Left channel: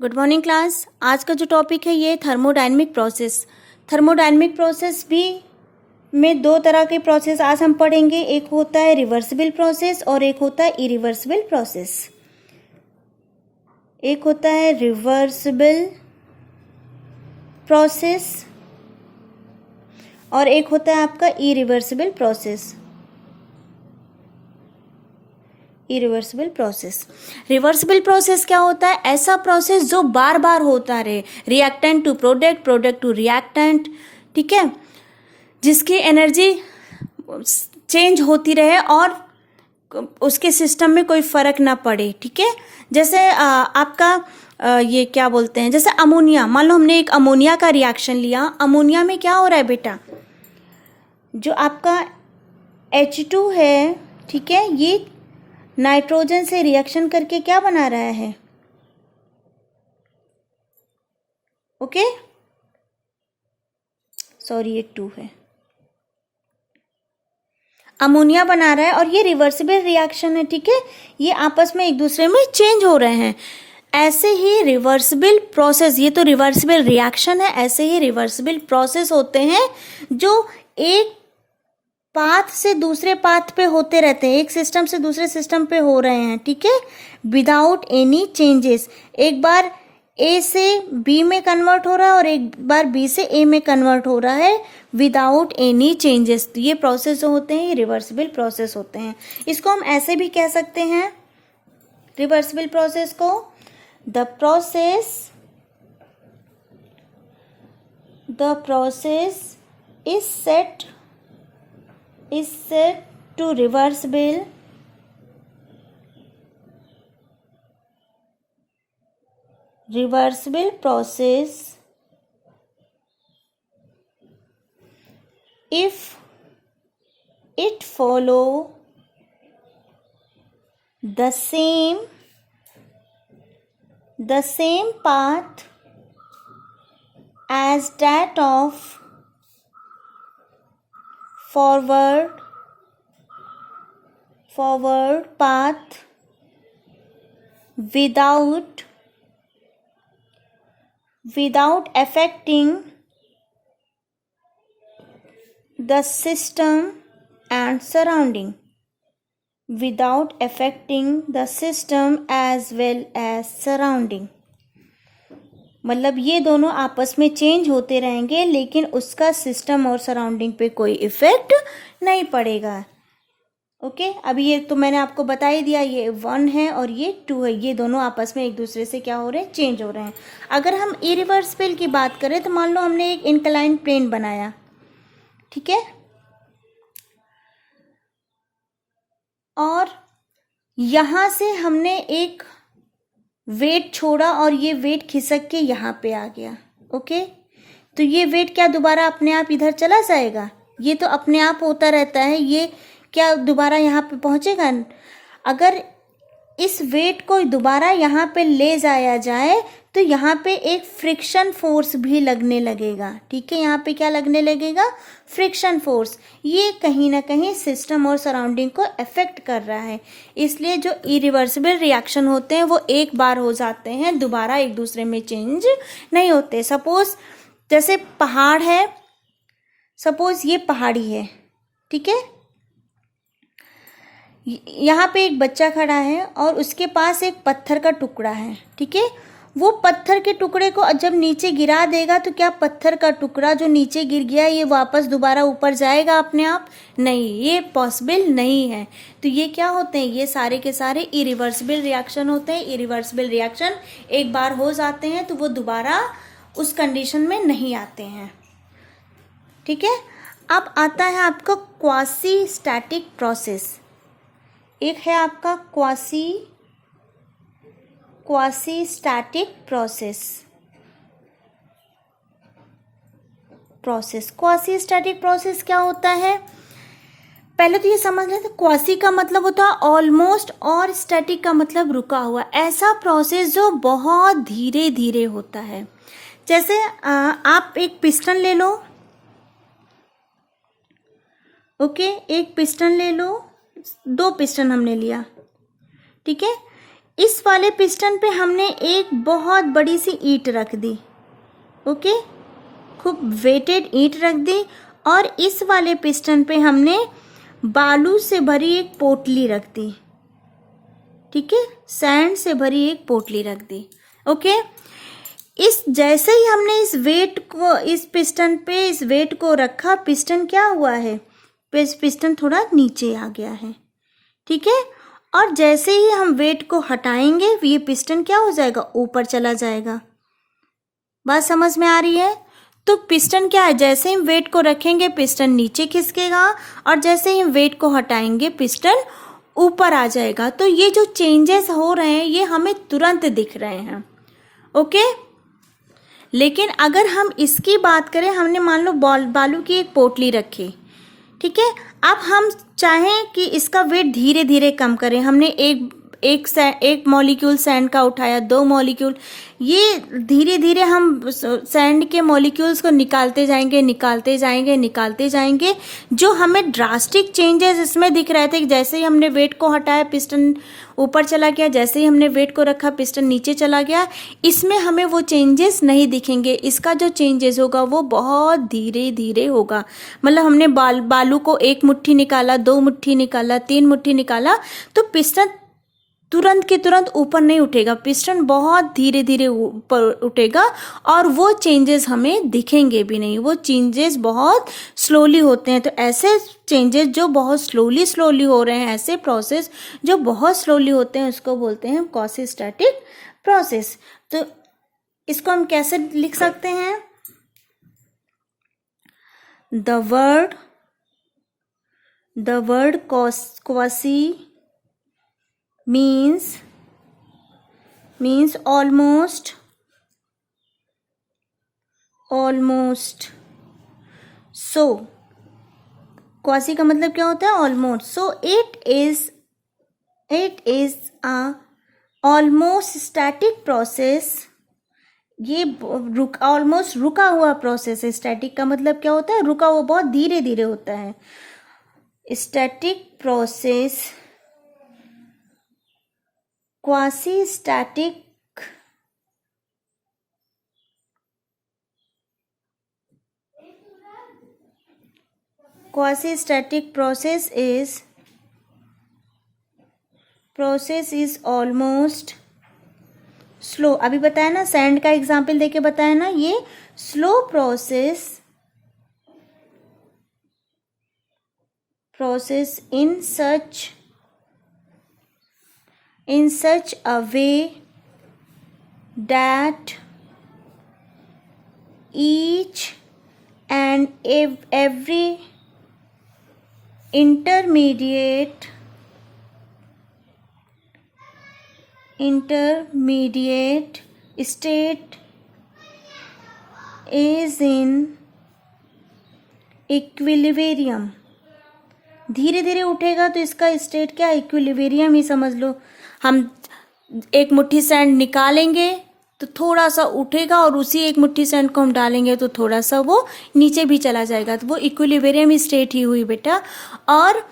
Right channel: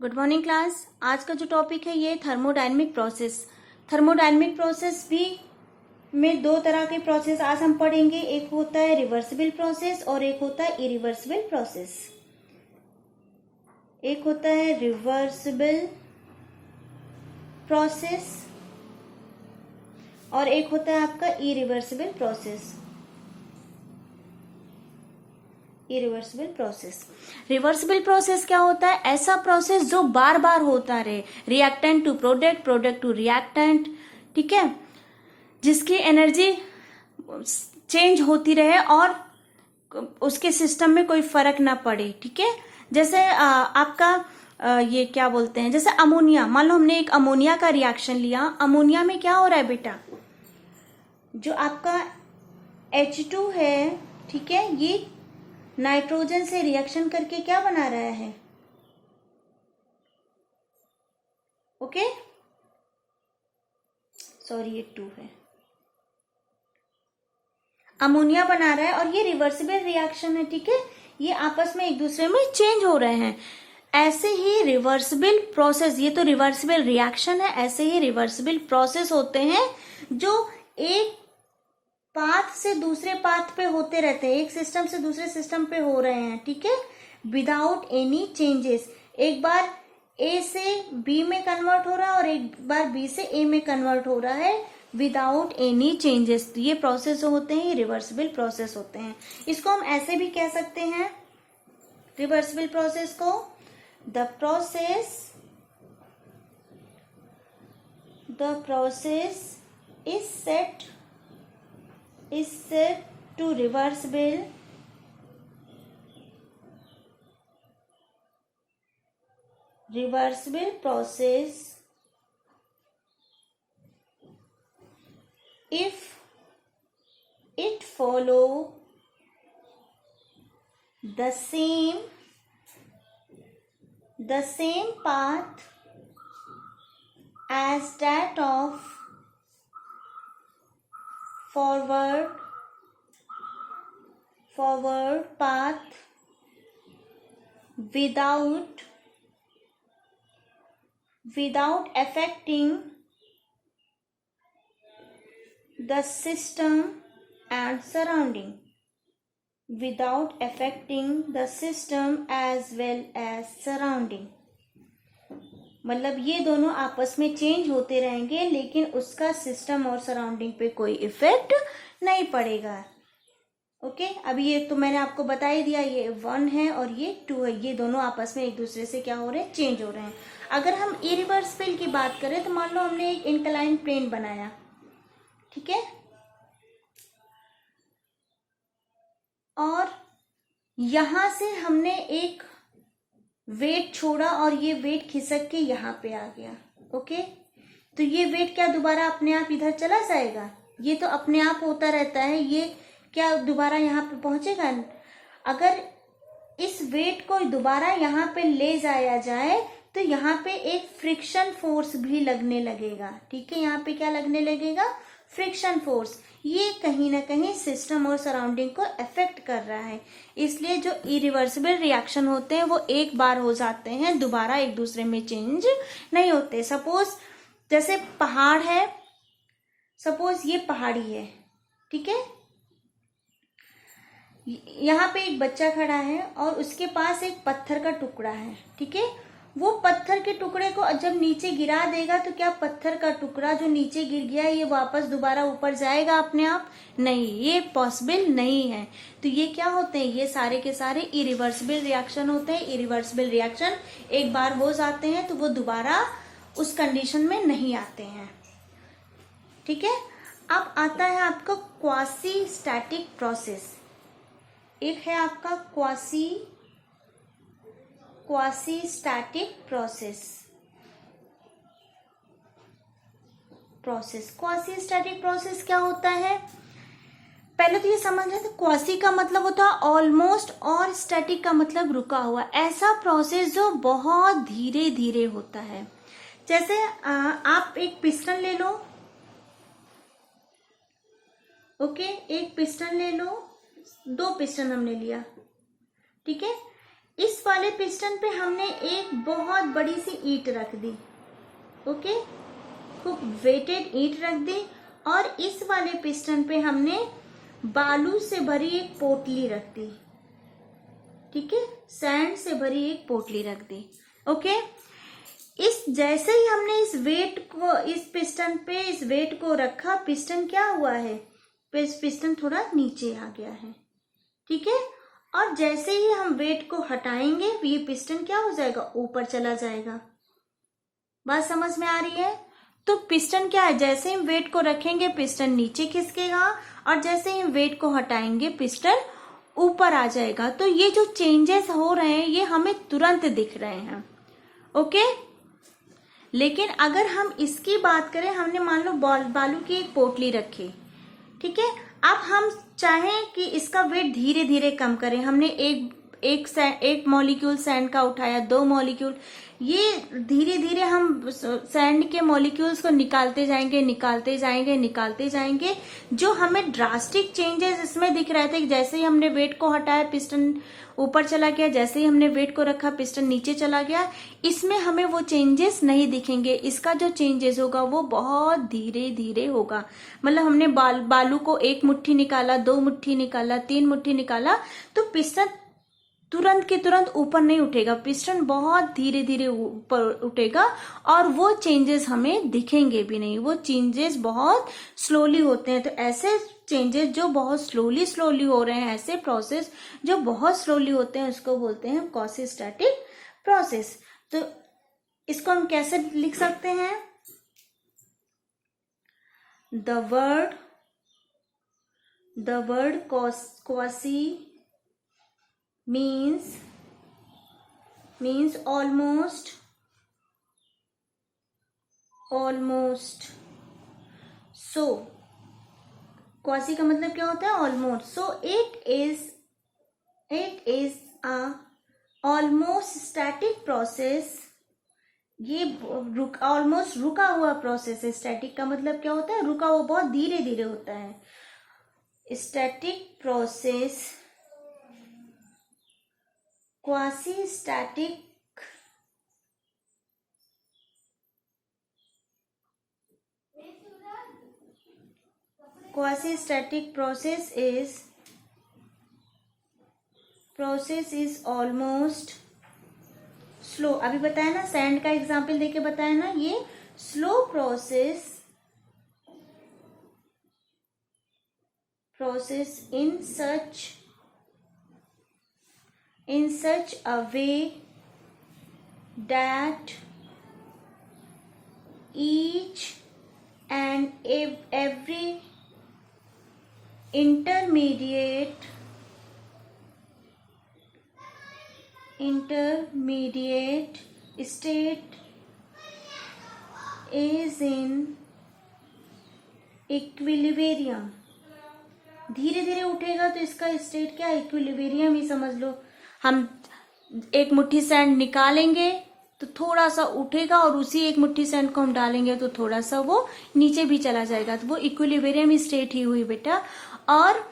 Good morning class. आज का जो टॉपिक है ये थर्मोडायनेमिक प्रोसेस। थर्मोडायनेमिक प्रोसेस भी में दो तरह के प्रोसेस आज हम पढ़ेंगे। एक होता है रिवर्सिबल प्रोसेस और एक होता है इरिवर्सिबल प्रोसेस। एक होता है रिवर्सिबल प्रोसेस और एक होता है आपका irreversible process. Irreversible process, reversible process क्या होता है? ऐसा प्रोसेस जो बार बार होता रहे, reactant to product, product to reactant, ठीक है, जिसकी एनर्जी चेंज होती रहे और उसके सिस्टम में कोई फर्क ना पड़े। ठीक है, जैसे आपका ये क्या बोलते हैं, जैसे अमोनिया। मान लो हमने एक अमोनिया का रिएक्शन लिया। अमोनिया में क्या हो रहा है बेटा? जो आपका H2 है, ठीक है, ये नाइट्रोजन से रिएक्शन करके क्या बना रहा है? ओके, सॉरी ये 2 है। अमोनिया बना रहा है और ये रिवर्सिबल रिएक्शन है। ठीक है, ये आपस में एक दूसरे में चेंज हो रहे हैं। ऐसे ही रिवर्सिबल प्रोसेस, ये तो रिवर्सिबल रिएक्शन है, ऐसे ही रिवर्सिबल प्रोसेस होते हैं जो एक पाथ से दूसरे पाथ पे होते रहते हैं, एक सिस्टम से दूसरे सिस्टम पे हो रहे हैं। ठीक है, विदाउट एनी चेंजेस। एक बार ए से बी में कन्वर्ट हो रहा है और एक बार बी से ए में कन्वर्ट हो रहा है विदाउट एनी चेंजेस। तो ये प्रोसेस जो होते हैं ये रिवर्सिबल प्रोसेस होते हैं। इसको हम ऐसे भी कह सकते हैं, रिवर्सिबल प्रोसेस को, the process is set to reversible process if it follow the same path as that of forward path without affecting the system and surrounding, without affecting the system as well as surrounding। मतलब ये दोनों आपस में change होते रहेंगे लेकिन उसका system और सराउंडिंग पे कोई इफेक्ट नहीं पड़ेगा। ओके, अभी ये तो मैंने आपको बता ही दिया, ये 1 है और ये 2 है, ये दोनों आपस में एक दूसरे से क्या हो रहे हैं? चेंज हो रहे हैं। अगर हम इरिवर्सिबल की बात करें तो मान लो हमने एक इंक्लाइन प्लेन बनाया, ठीक है, और यहां से हमने एक वेट छोड़ा और ये वेट खिसक के यहाँ पे आ गया। ओके, तो ये वेट क्या दोबारा अपने आप इधर चला जाएगा? ये तो अपने आप होता रहता है, ये क्या दोबारा यहाँ पे पहुंचेगा? अगर इस वेट को दोबारा यहाँ पे ले जाया जाए तो यहाँ पे एक फ्रिक्शन फोर्स भी लगने लगेगा। ठीक है, यहाँ पे क्या लगने लगेगा? Friction force. ये कहीं ना कहीं सिस्टम और सराउंडिंग को अफेक्ट कर रहा है। इसलिए जो इरिवर्सिबल रिएक्शन होते हैं वो एक बार हो जाते हैं, दोबारा एक दूसरे में चेंज नहीं होते। सपोज जैसे पहाड़ है, सपोज ये पहाड़ी है, ठीक है, यहाँ पे एक बच्चा खड़ा है और उसके पास एक पत्थर का टुकड़ा है। ठीक है, वो पत्थर के टुकड़े को जब नीचे गिरा देगा तो क्या पत्थर का टुकड़ा जो नीचे गिर गया ये वापस दोबारा ऊपर जाएगा अपने आप? नहीं, ये पॉसिबल नहीं है। तो ये क्या होते हैं? ये सारे के सारे इरिवर्सिबल रिएक्शन होते हैं। इरिवर्सिबल रिएक्शन एक बार हो जाते हैं तो वो दोबारा उस कंडीशन में नहीं आते हैं। ठीक है, अब आता है आपका क्वासी स्टैटिक प्रोसेस। एक है आपका quasi static process. Quasi static process क्या होता है? पहले तो ये समझ लेते हैं, क्वासी का मतलब होता है ऑलमोस्ट और स्टैटिक का मतलब रुका हुआ। ऐसा प्रोसेस जो बहुत धीरे धीरे होता है। जैसे आप एक पिस्टन ले लो, ओके, एक पिस्टन ले लो, 2 पिस्टन हमने लिया, ठीक है, इस वाले पिस्टन पे हमने एक बहुत बड़ी सी ईंट रख दी, ओके, खूब वेटेड ईंट रख दी, और इस वाले पिस्टन पे हमने बालू से भरी एक पोटली रख दी, ठीक है, सैंड से भरी एक पोटली रख दी, ओके। इस जैसे ही हमने इस वेट को इस पिस्टन पे इस वेट को रखा, पिस्टन क्या हुआ है, पिस्टन थोड़ा नीचे आ गया है, ठीक है। और जैसे ही हम वेट को हटाएंगे ये पिस्टन क्या हो जाएगा, ऊपर चला जाएगा। बात समझ में आ रही है? तो पिस्टन क्या है, जैसे ही हम वेट को रखेंगे पिस्टन नीचे खिसकेगा, और जैसे ही हम वेट को हटाएंगे पिस्टन ऊपर आ जाएगा। तो ये जो चेंजेस हो रहे हैं ये हमें तुरंत दिख रहे हैं, ओके। लेकिन अगर हम इसकी बात करें, हमने मान लो बालू की एक पोटली रखी, ठीक है। अब हम चाहें कि इसका वेट धीरे धीरे कम करें, हमने एक मॉलिक्यूल सैंड का उठाया, 2 मॉलिक्यूल, ये धीरे धीरे हम सैंड के मॉलिक्यूल्स को निकालते जाएंगे। जो हमें ड्रास्टिक चेंजेस इसमें दिख रहे थे कि जैसे ही हमने वेट को हटाया पिस्टन ऊपर चला गया, जैसे ही हमने वेट को रखा पिस्टन नीचे चला गया, इसमें हमें वो चेंजेस नहीं दिखेंगे। इसका जो चेंजेस होगा वो बहुत धीरे धीरे होगा। मतलब हमने बालू को 1 मुट्ठी निकाला, 2 मुट्ठी निकाला, 3 मुट्ठी निकाला, तो पिस्टन तुरंत के तुरंत ऊपर नहीं उठेगा, पिस्टन बहुत धीरे धीरे ऊपर उठेगा, और वो चेंजेस हमें दिखेंगे भी नहीं, वो चेंजेस बहुत स्लोली होते हैं। तो ऐसे चेंजेस जो बहुत स्लोली हो रहे हैं, ऐसे प्रोसेस जो बहुत स्लोली होते हैं, उसको बोलते हैं क्वासी स्टैटिक प्रोसेस। तो इसको हम कैसे लिख सकते हैं, the word quasi means almost, so quasi का मतलब क्या होता है, almost. So it is a almost static process. ये ऑलमोस्ट रुका हुआ प्रोसेस है। स्टैटिक का मतलब क्या होता है, रुका हुआ, बहुत धीरे धीरे होता है। Static process, quasi static process is almost slow. अभी बताया ना, सैंड का एग्जाम्पल देके बताया ना, ये slow process in such a way that each and every intermediate state is in equilibrium। धीरे धीरे उठेगा तो इसका स्टेट क्या, इक्विलिब्रियम ही समझ लो। हम 1 मुट्ठी सैंड निकालेंगे तो थोड़ा सा उठेगा, और उसी 1 मुट्ठी सैंड को हम डालेंगे तो थोड़ा सा वो नीचे भी चला जाएगा। तो वो इक्विलिब्रियम स्टेट ही हुई बेटा। और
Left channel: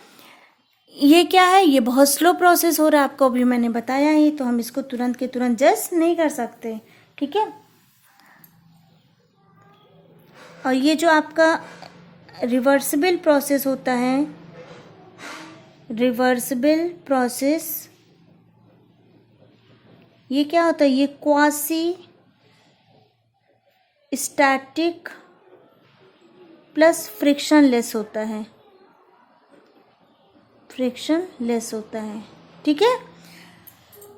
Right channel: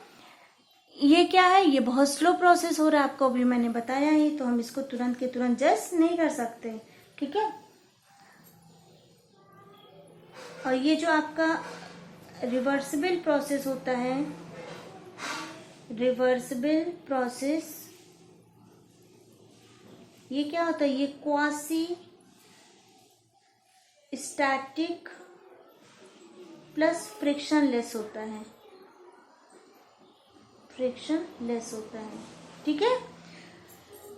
ये क्या है, ये बहुत स्लो प्रोसेस हो रहा है, आपको अभी मैंने बताया ही, तो हम इसको तुरंत के तुरंत जज नहीं कर सकते, ठीक है। और ये जो आपका रिवर्सिबल प्रोसेस होता है, रिवर्सिबल प्रोसेस, ये क्या होता है, ये क्वासी स्टैटिक प्लस फ्रिक्शनलेस होता है, ठीक है।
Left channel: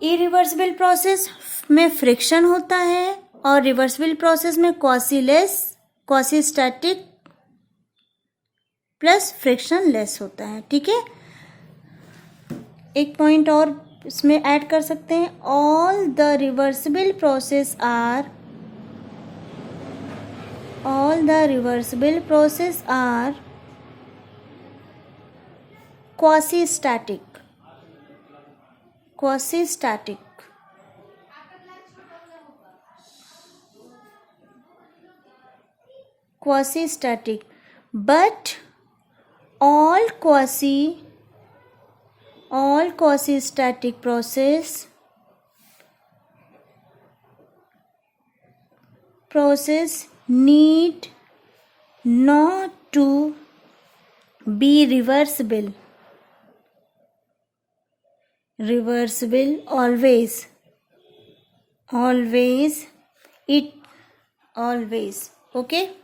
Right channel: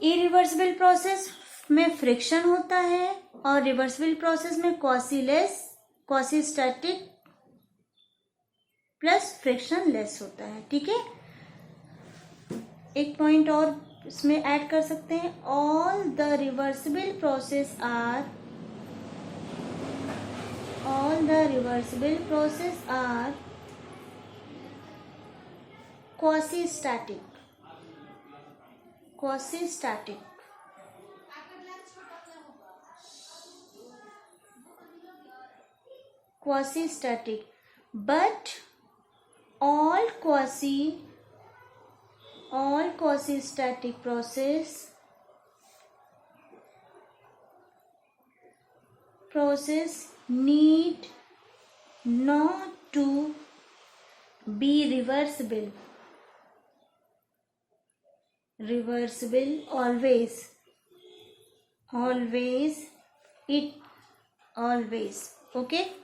इरिवर्सिबल प्रोसेस में फ्रिक्शन होता है, और रिवर्सिबल प्रोसेस में क्वासी स्टैटिक प्लस फ्रिक्शनलेस होता है, ठीक है। एक पॉइंट और इसमें ऐड कर सकते हैं, all the reversible process are quasi static, but all quasi static process process need not to be reversible. Reversible always. Always. It always. Okay.